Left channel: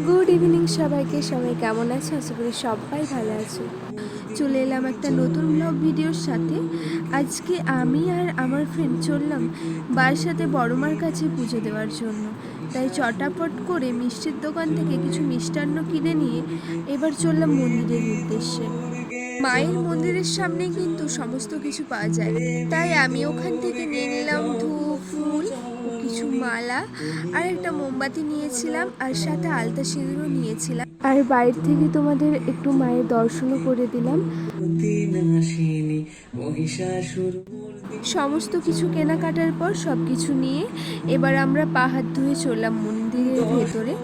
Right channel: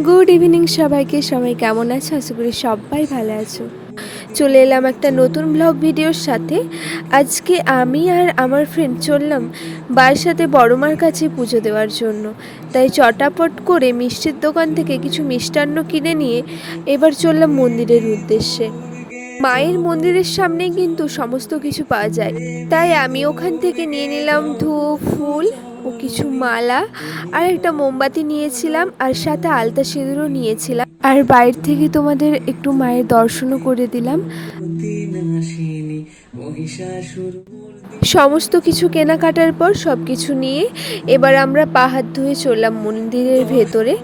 Good evening সবাইকে। সবাই কেমন আছে? আশা করি সবাই ভালো আছো। চলে এলাম একটা নতুন ব্লগ ভিডিওর সাথে। আজকে আমি আর আমার ফ্রেন্ড চললাম বারাসাতে বড়মার কাছে পুজো দেওয়ার জন্য। তাই চটাপট করে মিষ্টির দোকান থেকে কিছু মিষ্টান্ন কিনে নিয়ে এবার চললাম মন্দিরের উদ্দেশ্যে। মায়ের মন্দিরের সামনে কিন্তু সমস্ত কিছু পাওয়া যায়, তাই আমি ওখান থেকে নিয়ে নিলাম ধূপ, ফুল ও কিছু মালা, আর একটা মোমবাতি নিয়েছিলাম, আর সাথে আলতা সিঁদুরও নিয়েছিলাম। আর বাইরে থেকে তোমাদের একটু মায়ের দর্শনও করে দিলাম। সমস্ত কিছু কেনাকাটার পর সব কিছু নিয়ে এবার আমরা পা হাত ধুয়ে চললাম মন্দিরের ভেতরে।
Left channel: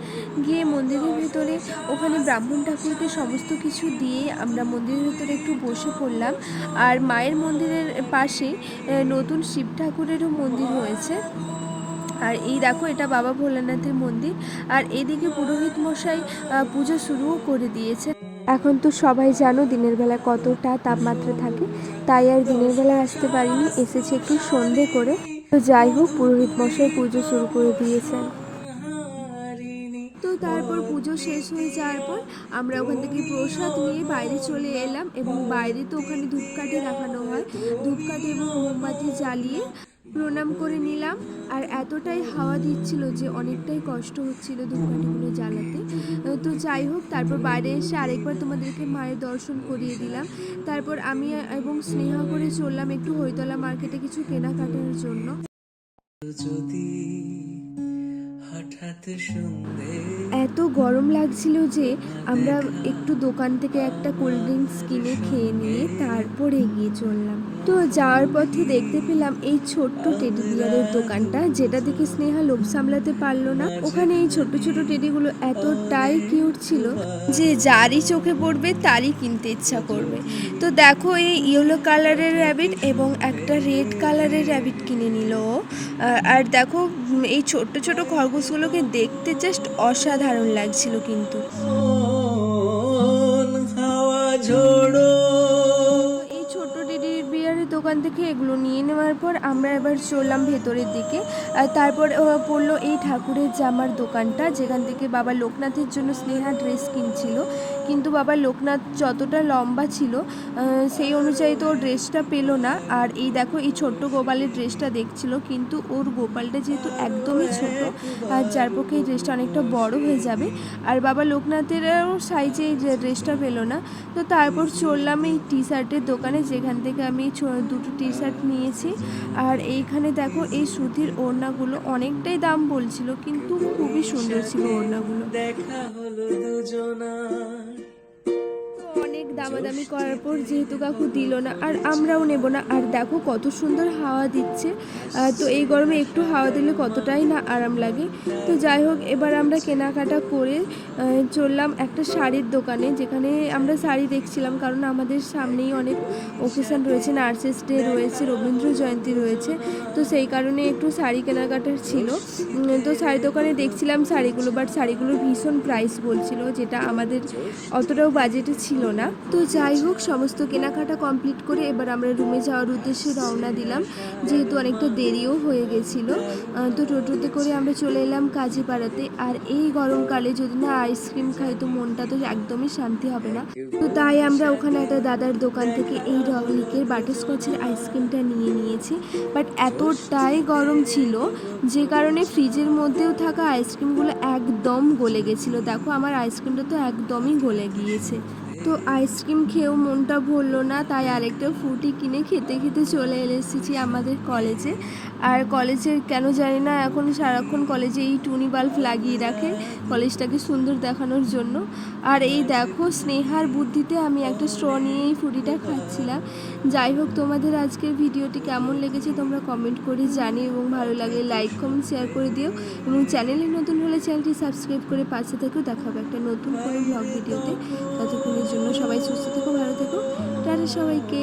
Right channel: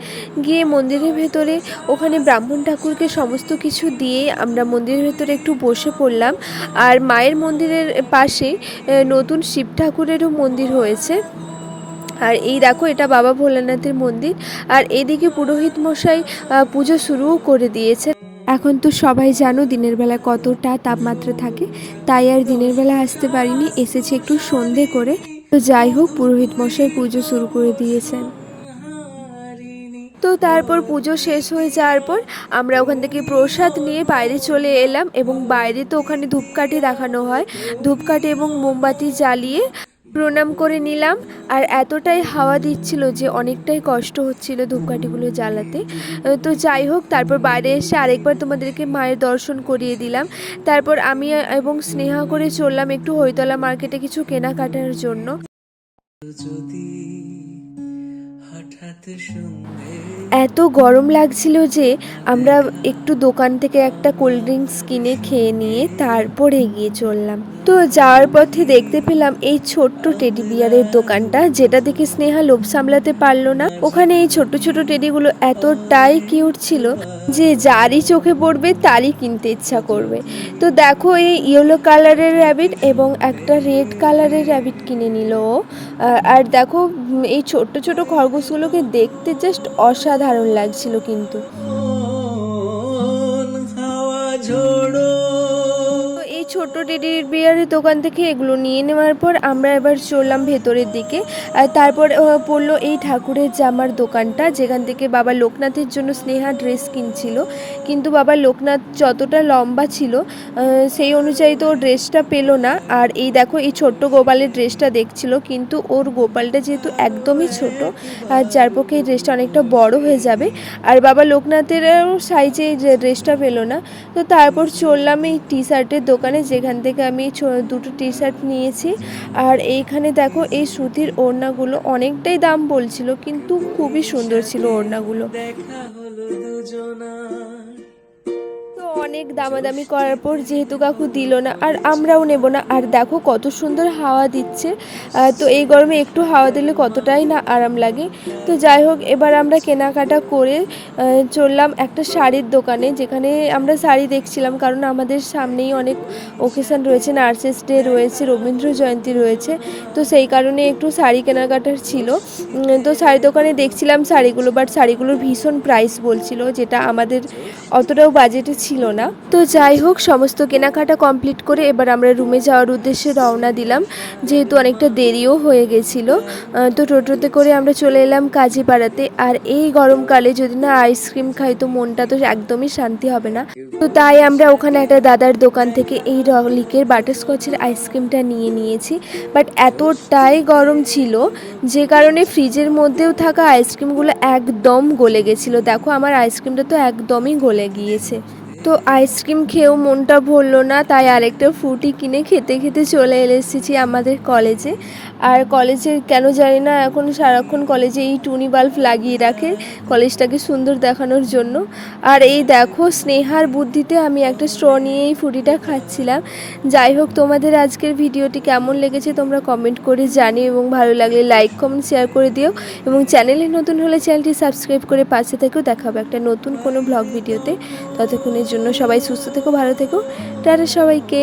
গিয়ে মন্দিরের ভেতরে ওখানে ব্রাহ্মণ ঠাকুরকে সমস্ত কিছু দিয়ে আমরা মন্দিরের ভেতরে একটু বসে পড়লাম। আর মায়ের মন্দিরের পাশে নতুন শিব ঠাকুরেরও মন্দির হয়েছে। আর এই দেখো, এটা বাবা ভোলানাথের মন্দির। আর এদিকে পুরোহিত মশাই পুজো শুরুও করে দিয়েছে। এখন তো সবাই জানো দিনের বেলা কতটা তাপমাত্রা থাকে, তাই আর দিনের বেলা আসতে পারিনি, এসেছে একটু সন্ধে করে। তো যাই হোক, পুরোহিত মশাই পুজো শুরু করে দিয়েছেন। তো তারপর পুজো শেষ হয়ে যাওয়ার পর আমরা ওখান থেকে প্রসাদ নিয়ে বাইরে চলে এলাম, এবং বাইরে তো ওখানে ধূপকাঠি দেখানো হয়, ধূপকাঠি এবং মোমবাতি জ্বালিয়ে প্রণাম করে নিলাম। আর এতটাই হাওয়া দিচ্ছিল যে অনেকটাই কষ্ট হচ্ছিল ধূপকাঠিগুলো জ্বালাতে। তো যাই হোক, তারপর বাইরে এসে আরেকবার তোমাদেরকে মায়ের দর্শন করিয়ে দিলাম। তারপর আমি এবং স্নেহা করে চললাম একটু হরিতলা মার্কেটে কিছু কেনাকাটার জন্য। এত গরম লাগছিল যে আমরা একটু দোকান থেকে একটা কোল্ড ড্রিঙ্কস কিনে খেয়ে নিয়ে তারপর এগিয়ে চললাম। তো যাওয়ার পথে দেখতে পেলাম এই ছোট্ট টেডি বিয়ারের দোকানটা, যেটা দেখে স্নেহা লোভ সামলাতে পারলো না। ওখানে এই ছোট ছোট টেডিগুলো এতটাই কিউট ছিল যে যারই চোখে পড়বে তারই কিনতে ইচ্ছা করবে। তো দেখো, এই ইয়েলো কালারের র্যাবিট এবং একটা রেড কালারের র্যাবিট কিনে নিল ও। আর দেখো, এই ছোট্ট ছোট খরগোশগুলোকে দেখতে জাস্ট অসাধারণ লাগছিল কিন্তু। এই ছোট্ট টেডি বিয়ারের দোকান থেকে এগুলো নিয়ে নেওয়ার পর আমরা এবার চললাম ভেতরের দিকে। আর তারপর পড়লো এই ঠাকুরের জামার দোকানটা, যেখান থেকে বাবা লোকনাথের জন্য স্নেহা ড্রেস কিনছিল। কিন্তু বাবা লোকনাথ যতটা লম্বা ছিল সেই অনুযায়ী তো ড্রেসটা পেলো না। আর এই দেখো, এই ছোট্ট গোপালের ড্রেসটা দেখছিল, কিন্তু ওর গোপালটা যেহেতু একদমই ছোট, আর যার পক্ষে এই ড্রেসটা অনেকটা বড় হয়ে যাবে, আর বাবা লোকনাথের সাইজে এই ড্রেসটা পেলো না। তো তারপর চললাম এই টি শার্টের দোকানে, যেখান থেকে আমি দুটো টি শার্ট নিয়েছি। আর এইখানে দেখো, এই সুতির ওড়নাগুলো অনেকটাই দাম বলছিল, কিন্তু খুবই সুন্দর ছিল ওড়নাগুলো। অনেক দামাদামি করার পর যেহেতু কাকু দিল না, আর আমরাও নেব না। আর দেখো কত সুন্দর হাওয়া দিচ্ছে। তো এই গরমে একটু হাওয়া দিলে কতটাই না আরাম লাগে। তো যাই হোক, এবার আমরা কেনাকাটা করে চললাম একটা শাড়ির দোকানে, যেখানে আমরা শাড়ি দেখছিলাম, কারণ আমাদের সামনেই অনেক ওকেশন রয়েছে, নার্সেস ডে রয়েছে, রবীন্দ্র জয়ন্তী রয়েছে। তো সেই কারণে একটু শাড়ি কেনাকাটার ছিল। তো শাড়ি দোকানে দেখছিলাম শাড়িগুলো, বাট শাড়িগুলোর ভীষণ প্রাইস বলছিল, যেটা আমাদের অতটাও বাজেটে ছিল না। তো যাই হোক, সমস্ত কেনাকাটা কমপ্লিট করে এবার আমরা রুমে যাওয়ার উদ্দেশ্যে রওনা দিলাম, যেহেতু অনেকটা দেরিও হয়ে গেছিলো। তো টোটোতে করে আমরা চলে এলাম কাজীপাড়াতে। আর এই গরমকালে যদি না আইসক্রিম খাই তো মনটা তো একদমই শান্তি হবে না। তো তাই আমরা ওখানে একটা দাদার দোকান থেকে এই রলিকের বাটারস্কচের আইসক্রিমটা নিয়ে নিয়েছি। বাট এতটাই গরম ছিল যে কারণে ফ্রিজের মধ্যেও থাকা আইসক্রিমগুলো একদম গলে গেছিলো। দেখো, আমার আইসক্রিমটা তো একদমই গলে গিয়েছে। তো আইসক্রিম খেয়েও মনটা ভরলো না, তাই আরেকটা ফ্রুটি কিনে খেতে খেতে চলে এসেছি আমাদের কলেজে। আর কলেজে কেন জানি না এখন সারাক্ষণ কলেজে এই টুনি বাল্ব লাগিয়ে রাখে কলেজটাকে সুন্দর দেখানোর জন্য। আর এই দেখো, স্নেহার বুদ্ধিতে আমি একটা স্ট্র নিয়ে এই ফ্রুটিটা খাচ্ছিলাম। যাই হোক, তোমাদের আজকের ভিডিওটি কেমন লেগেছে তোমরা কমেন্ট করে জানিও, এবং ভালো লাগলে লাইক কমেন্ট শেয়ার করে দিও, এবং চ্যানেলে নতুন হলে চ্যানেলটি সাবস্ক্রাইব করে পাশে থেকেও দেখা হবে একটা নতুন কোনো ব্লগ ভিডিওতে। ততক্ষণের জন্য সবাই সুস্থ থেকো, ভালো থেকো, টাটা সবাইকে।